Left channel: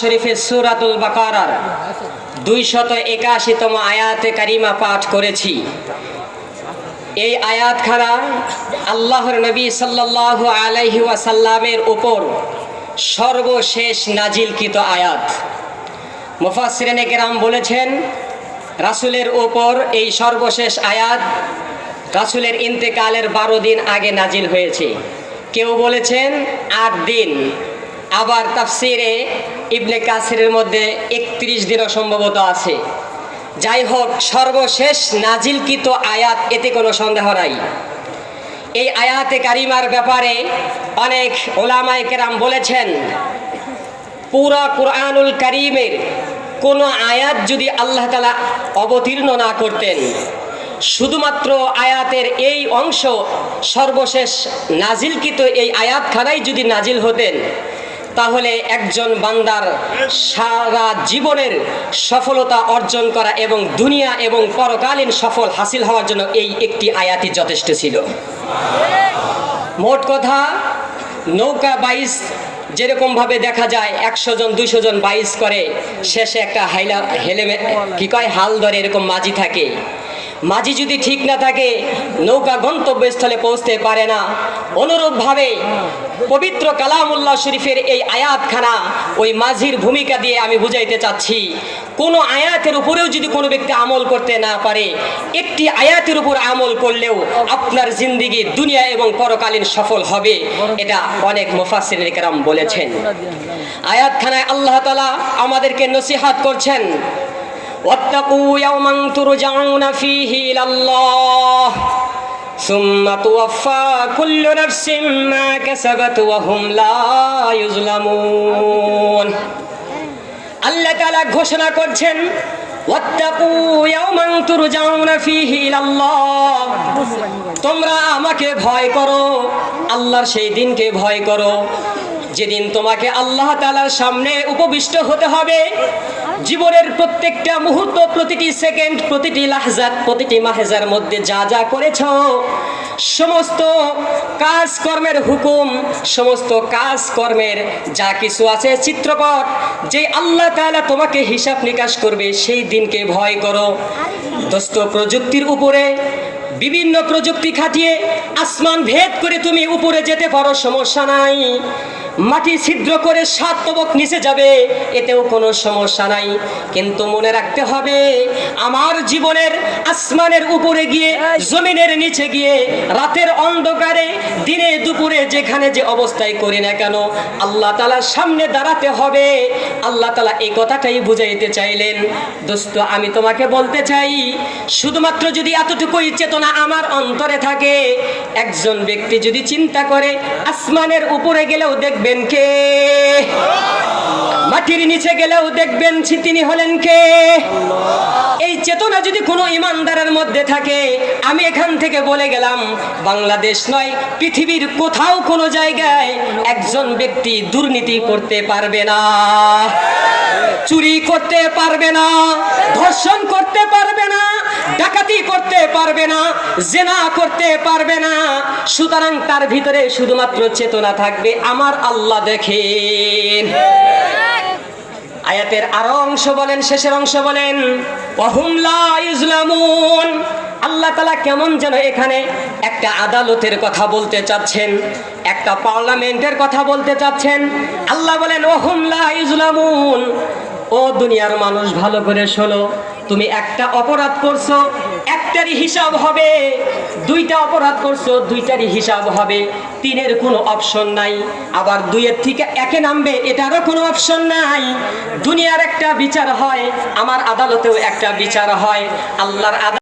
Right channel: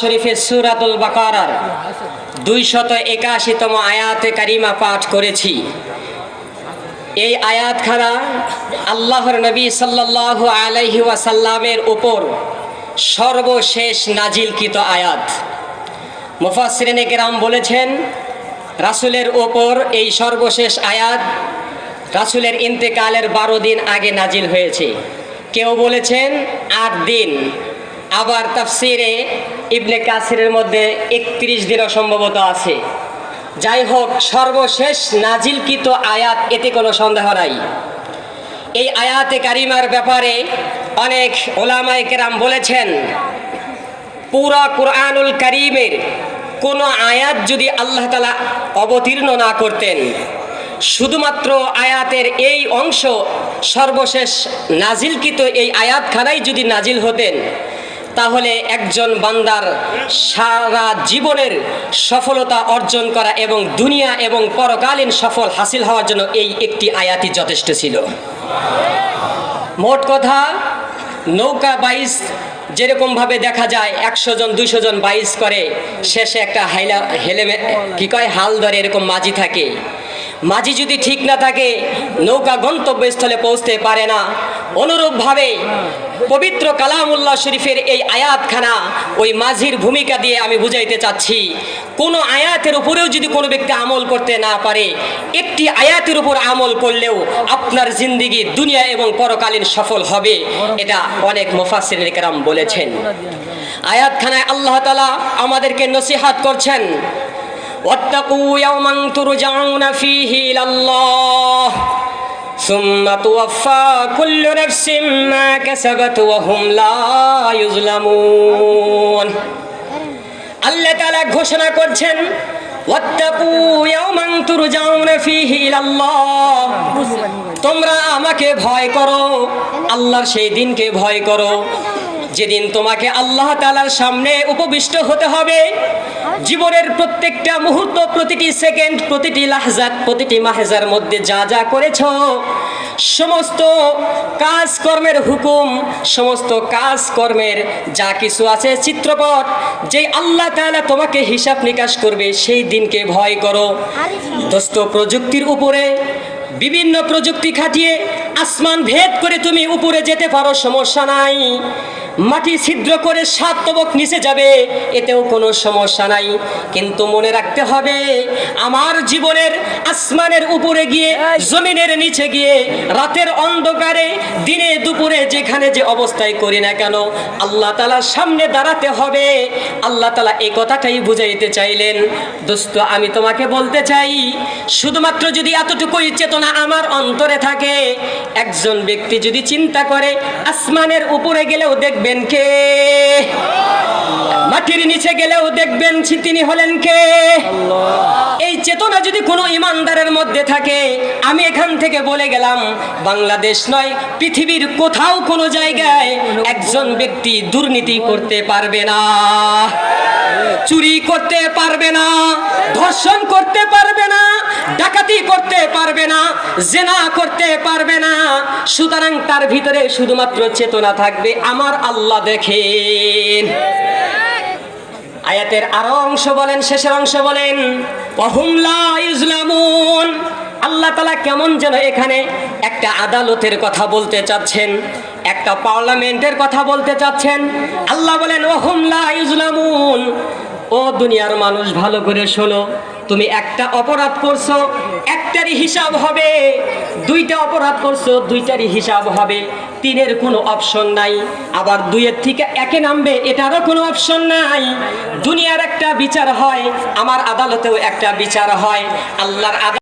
শরীফে সূরাতুল বাকারার 281তম আয়াতে কারিমা পাঠ করেছি। এই আয়াতখানা আল্লাহর নবী সাল্লাল্লাহু আলাইহি ওয়াসাল্লামের উপর সর্বশেষ নাজিলকৃত আয়াত। মুফাসসিরিনে কেরাম বলেছেন রাসূলের উপর এই সর্বশেষ আয়াত রাসূলের ইন্তেকালের 12 দিন আগে নাজিল হয়েছে। কেউ বলেছেন 8 দিন, আবার তাফসিরে ইবনে কাসিরের মধ্যে 31 দিনও সম্ভবত আছে। যাই হোক, সর্বশেষ নাজিলকৃত আয়াত, এতে কোনো সন্দেহ নাই। এই আয়াতে কারিমার ব্যাপারে অনেক উলামায়ে কেরাম বলেছেন পুরা কুরআনুল কারীমের কোনো আয়াত যদি আল্লাহ তাআলা অবতীর্ণ না করতেন, শুধুমাত্র আয়াতের এই অংশ সর্বশেষ নাজিলকৃত এই আয়াতখানাই যদি নাজিল হতেন, তাহলে একজন বান্দার সারা জীবনের সফলতা অর্জন করা এবং দুনিয়া এবং পরকালীন সফল হাসিল হওয়ার জন্য এই একটি আয়াতই যথেষ্ট ছিল। মোট কথা, নৌকা বাইচ যেরকমভাবে দেখা যায় 100 জন 200 জন বাইচ করে, শেষে একটা হাল ধরে এরকম মাঝি থাকে। মাঝি যদি ঠিক না থাকে, নৌকা গন্তব্যস্থলে পৌঁছতে পারে না। অনুরূপভাবে পবিত্র কালামুল্লাহ শরীফের এই আয়াতখানা ওই মাঝির ভূমিকা দিয়ে আমি বুঝাইতে চাচ্ছি, কোনো আয়াতের উপরেও যদি কোনো ব্যক্তি আমল করতে না পারে, একটি আয়াতের উপর আমল করলেও আপনার জিন্দেগি দুনিয়া এবং পরকালীন সফল হবে। এটা অনেক মুফাসসিরিনে কেরাম বলেছেন। আয়াতখানায় আল্লাহ তাআলা আমাদেরকে নসিহত করছেন, واتقوا يوما ترجعون فيه إلى الله ثم توفى كل نفس ما كسبت وهم لا يظلمون। আল্লাহ তাআলা ঘোষণা করছেন, واتقوا يوما ترجعون فيه إلى الله, তোমরা আমাকে ভয় করো, আল্লাহর সেই দিনকে ভয় করো যেদিন তোমাকে আল্লাহ তাআলার সামনে উপবিষ্ট হতে হবে। জীবনের প্রত্যেকটা মুহূর্ত, প্রতিটি সেকেন্ড, প্রতিটি লাহজাত, প্রতিটি মাহজার মধ্যে যা যা করেছো, সমস্ত কাজকর্মের হুকুম, সমস্ত কাজকর্মের যা কিছু আছে চিত্রপট, যে আল্লাহ তাআলা তোমাকে হিসাব নিকাশ করবে, সেই দিনকে ভয় করো। দোস্ত, প্রযুক্তির উপরে বিভিন্ন প্রযুক্তি খাটিয়ে আসমান ভেদ করে তুমি উপরে যেতে পারো, সমস্যা নাই। মাটি ছিদ্র করে 7 তবক নিচে যাবে, এতেও কোনো সমস্যা নাই। কিন্তু মনে রাখতে হবে, আমার জীবনের আসমানের উপরে গিয়ে, জমিনের নিচে গিয়ে, রাতের অন্ধকারে, দিনে দুপুরে যেখানে যে অবস্থায় করি না কেন, আল্লাহ তাআলার সামনে দাঁড়াতে হবে। আল্লাহ তাআলা এই কথাটাই বুঝাইতে চাইলেন। দোস্ত, আমি তোমাকে বলতে চাই, শুধুমাত্র যদি এতটুকুই চেতনা আমার অন্তরে থাকে, একজন ব্যক্তি যদি চিন্তা করে আসমানের উপরে গেলেও দেখবেন কে, মাটির নিচে গেলেও দেখবেন তিনি হলেন কে। এই চেতনা যদি কোনো ইমানদারের মধ্যে থাকে, আমি এখান থেকে বলে গেলাম, বাংলাদেশ নয়, পৃথিবীর কোথাও কোনো জায়গায় একজন ব্যক্তি দুর্নীতি করতে পারবে না, চুরি করতে পারবে না, ধর্ষণ করতে পারবে না, ডাকাতি করতে পারবে না, জিনা করতে পারবে না। সুতরাং তার ভিতরে শুধুমাত্র চেতনা থাকবে, আমার আল্লাহ দেখেন। আয়াতের আরো অংশ বলেন, শেষের অংশ বলেন, ওয়াহুম লা ইউজলামুন। আল্লাহ তাআলা কেমন যেন এখানে একটা আদালতের কথা বলতে চাচ্ছেন, একটা পার্লামেন্টের কথা বলতে চাচ্ছেন। আল্লাহ বলেন, ওয়াহুম লা ইউজলামুন। ও দুনিয়ার মানুষ, ভালো করে শোনো, তুমি একটা অপরাধ করছো, একটারই হিসাব হবে। 2টা অপরাধ করছো, 2টারই হিসাব হবে। 3-এর কোনো অপশন নাই। আবার 2-এর থেকে 1-এ নামবে, এটারও কোনো অপশন নাই। দুনিয়ার একটা বিচার হয়, আমার আদালতেও একটা বিচার হয়। আল্লাহর